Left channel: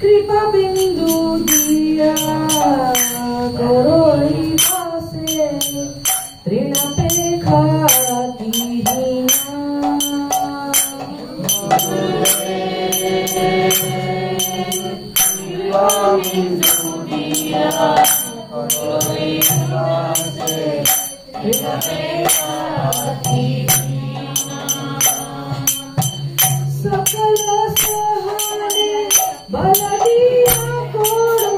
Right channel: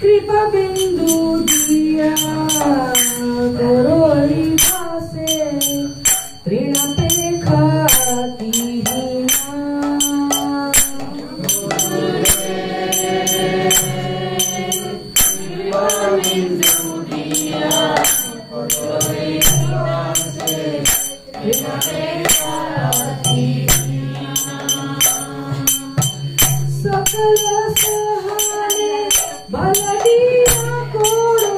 कृपा बिंदु दिया गोरोई भासे ऋण पेखा सकल सहारे बलदिया कोडो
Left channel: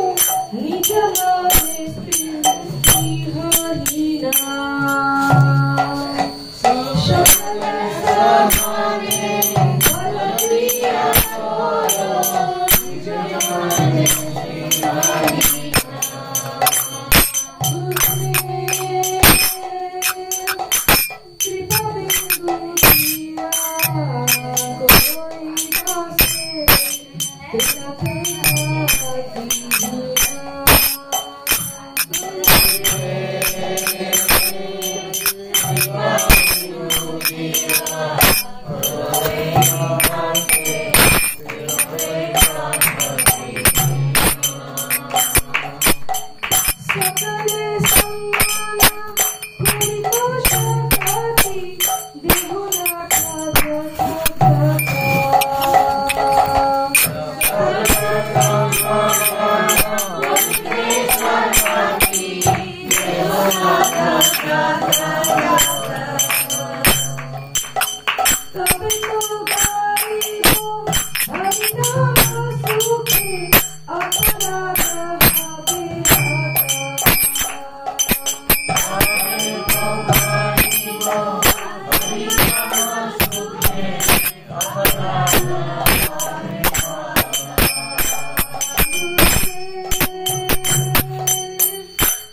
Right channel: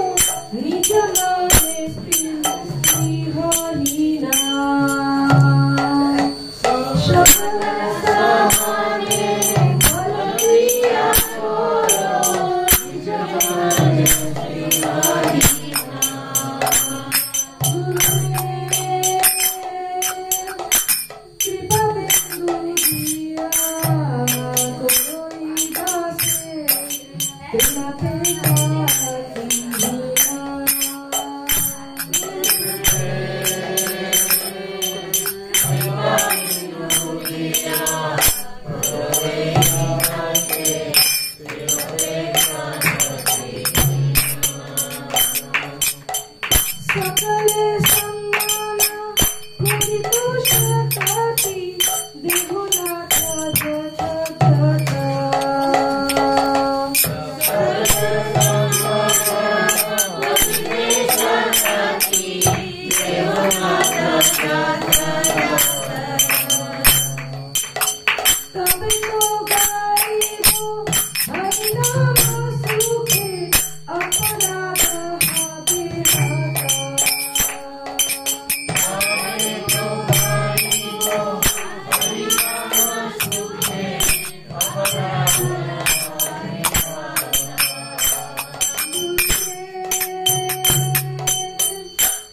निज मारे स्त्रीहारीना सकल सहारे बलदिया कोडो निज मारे सकले सम्मान परितोषकाति देहुनाथा तबे तो गाइबो हरिनाम सुखे अपना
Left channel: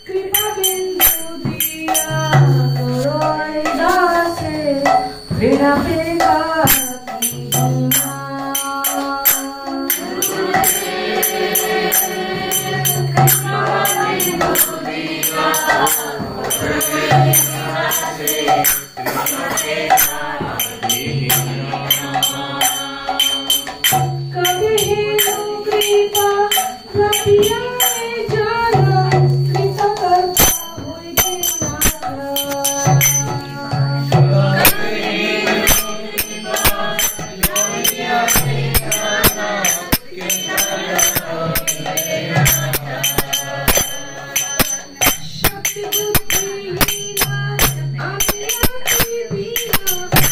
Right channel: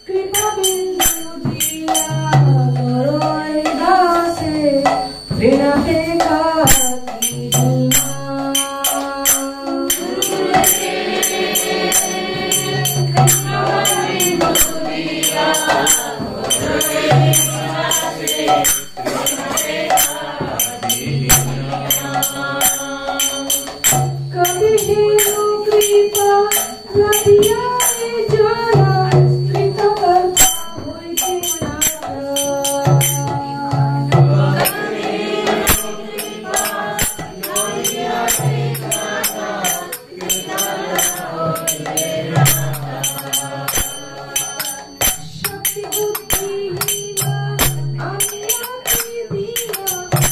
कृपा बिंदु दिया गोरोई दासे ऋण पेखा कभी हेनु कृपा रतिया जाना कृत करता होई शक्ति बुद्धि हीना आमिया की दीना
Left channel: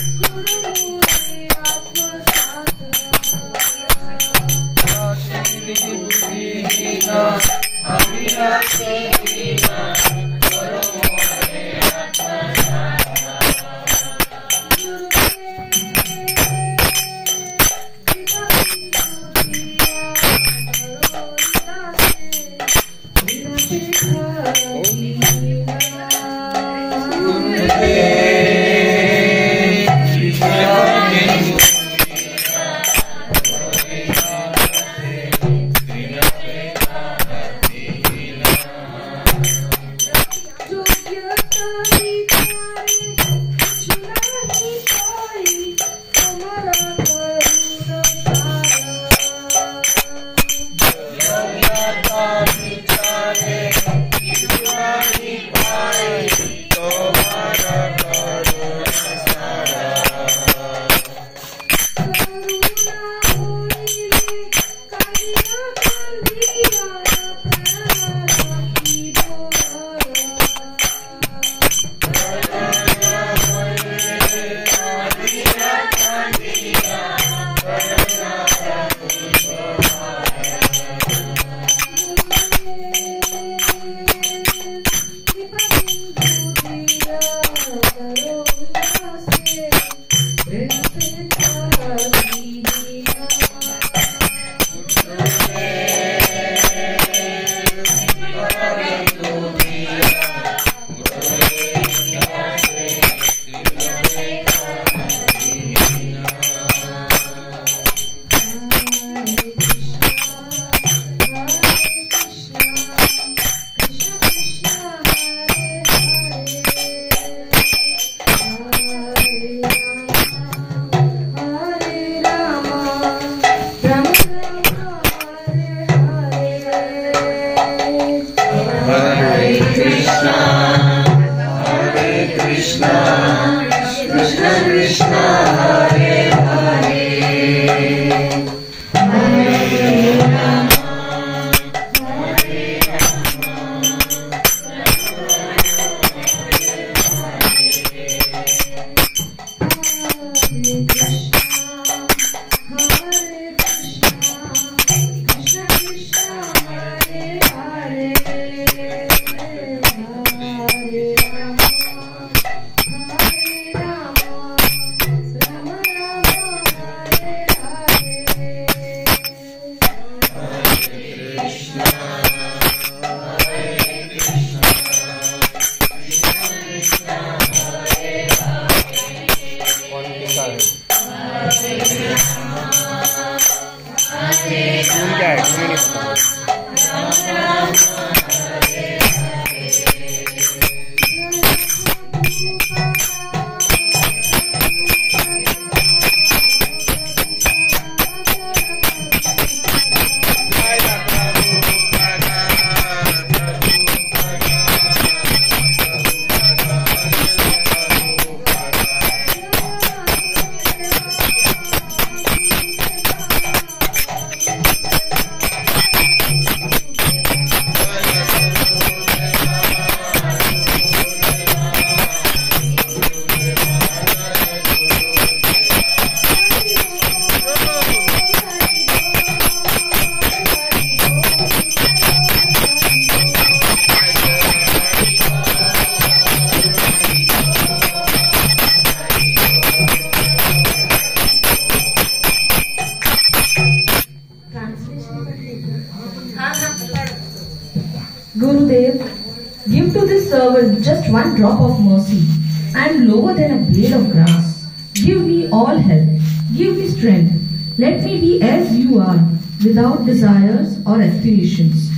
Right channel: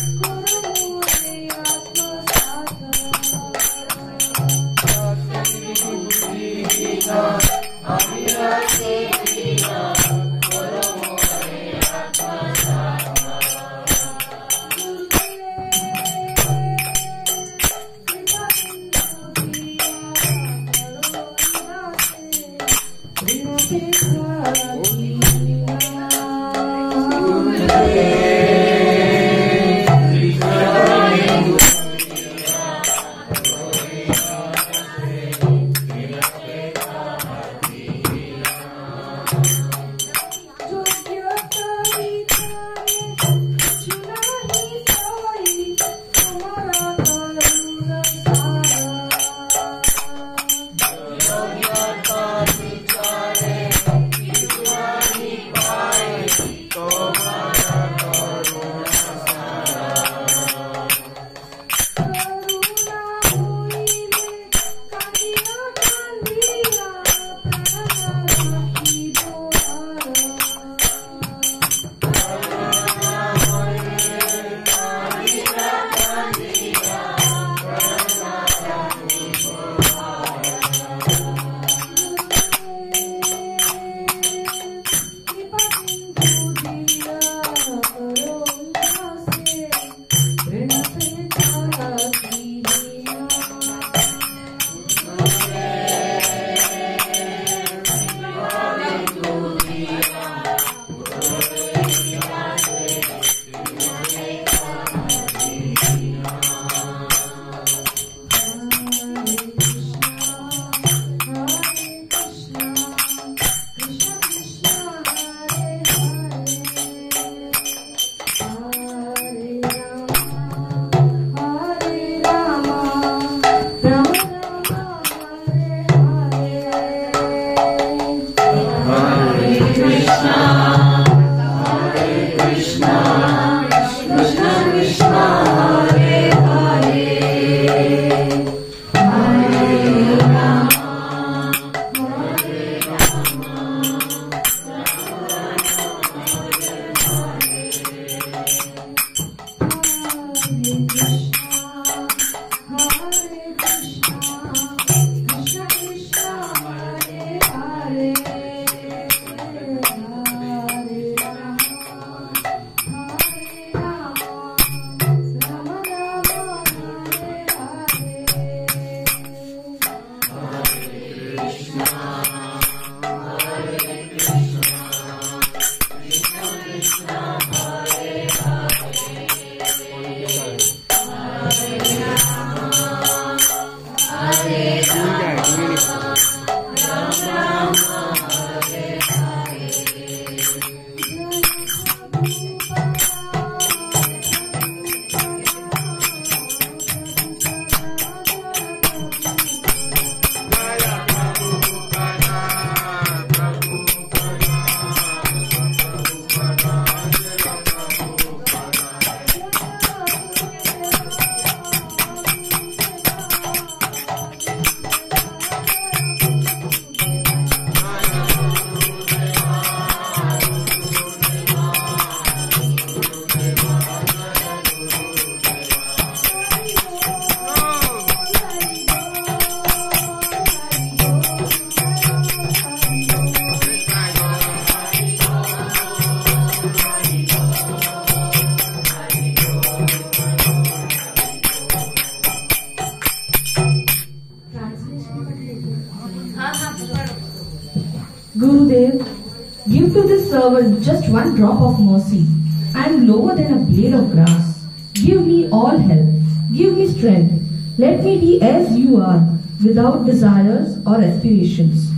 just one drop of mercy. I am lower than a blade of grass. Give me all help. Give me strength. Let me be as you are, without desires or aspirations.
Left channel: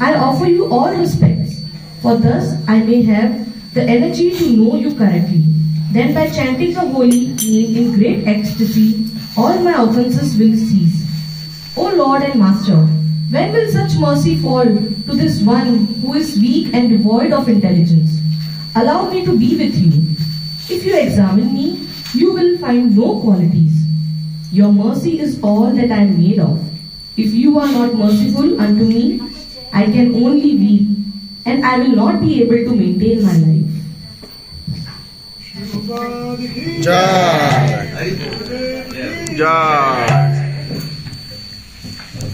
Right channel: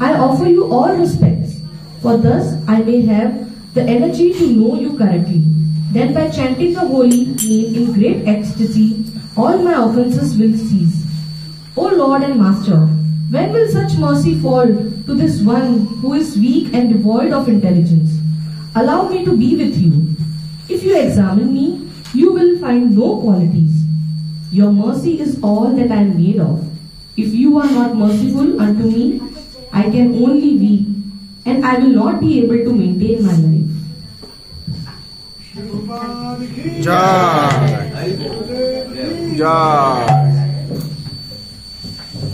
I offer you all respects, for thus I may have the energy to know you correctly. Then by chanting the holy name in great ecstasy, all my offences will cease. O Lord and Master, when will such mercy fall to this one who is weak and devoid of intelligence? Allow me to be with you. If you examine me, you will find no qualities. Your mercy is all that I am made of. If you are not merciful unto me, I can only weep, and I will not be able to maintain my life. Jai. Jai.